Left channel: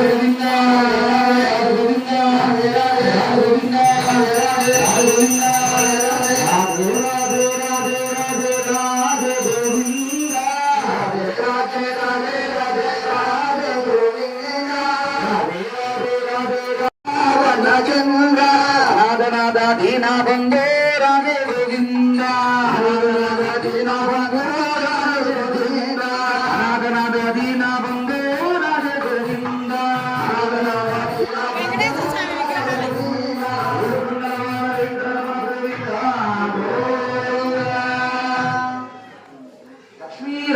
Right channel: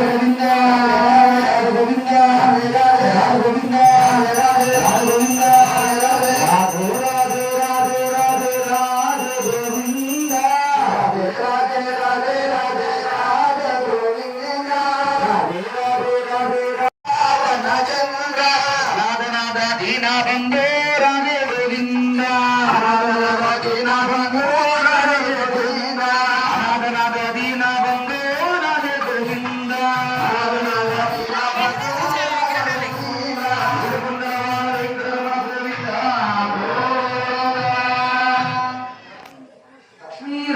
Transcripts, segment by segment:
Govinda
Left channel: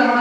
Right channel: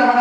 Ramana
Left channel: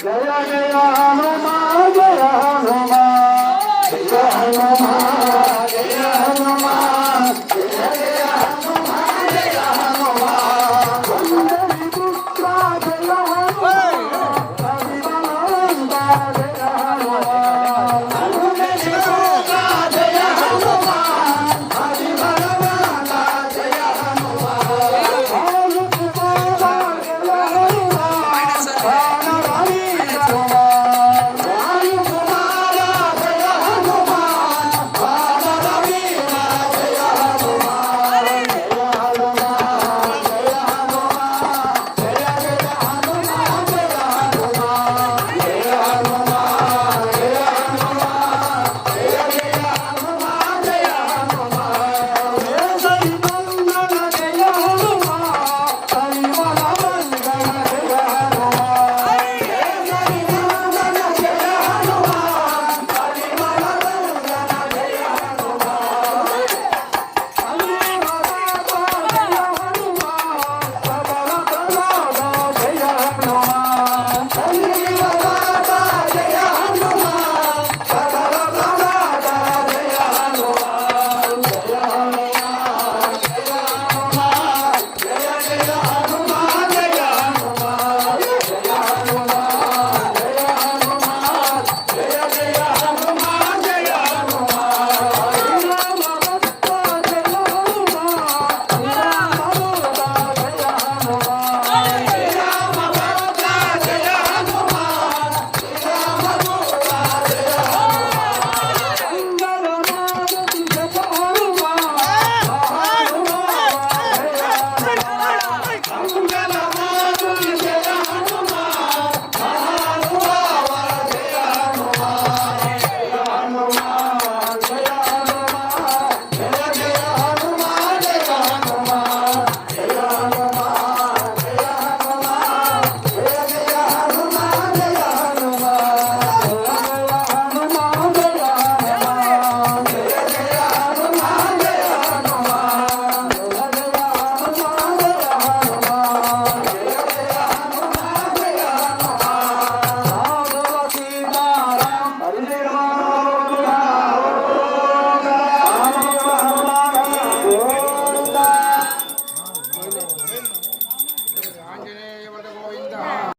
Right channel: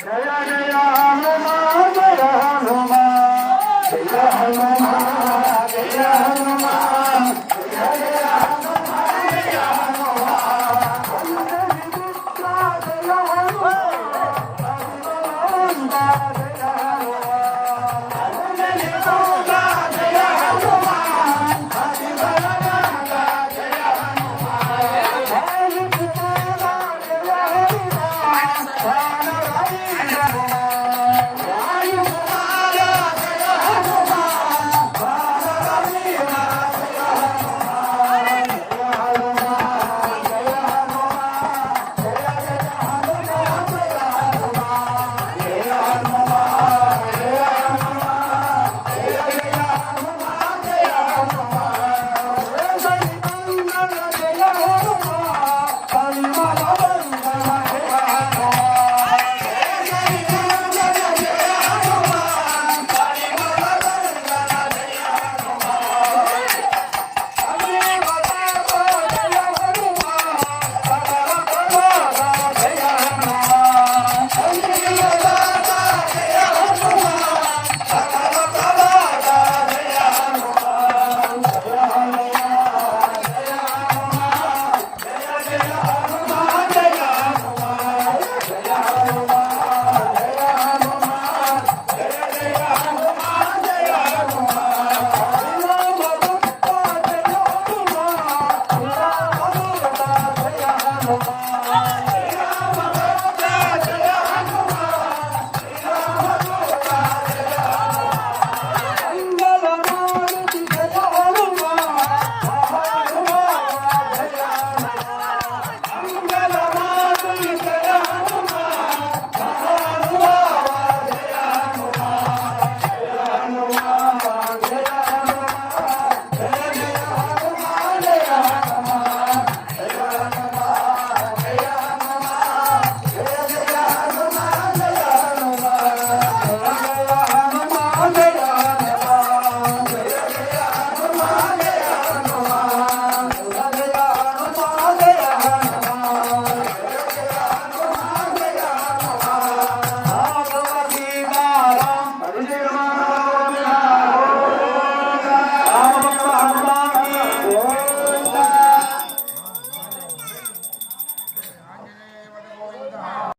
Jaya Hanuma Jaya Hanuma Jaya Hanuma Jaya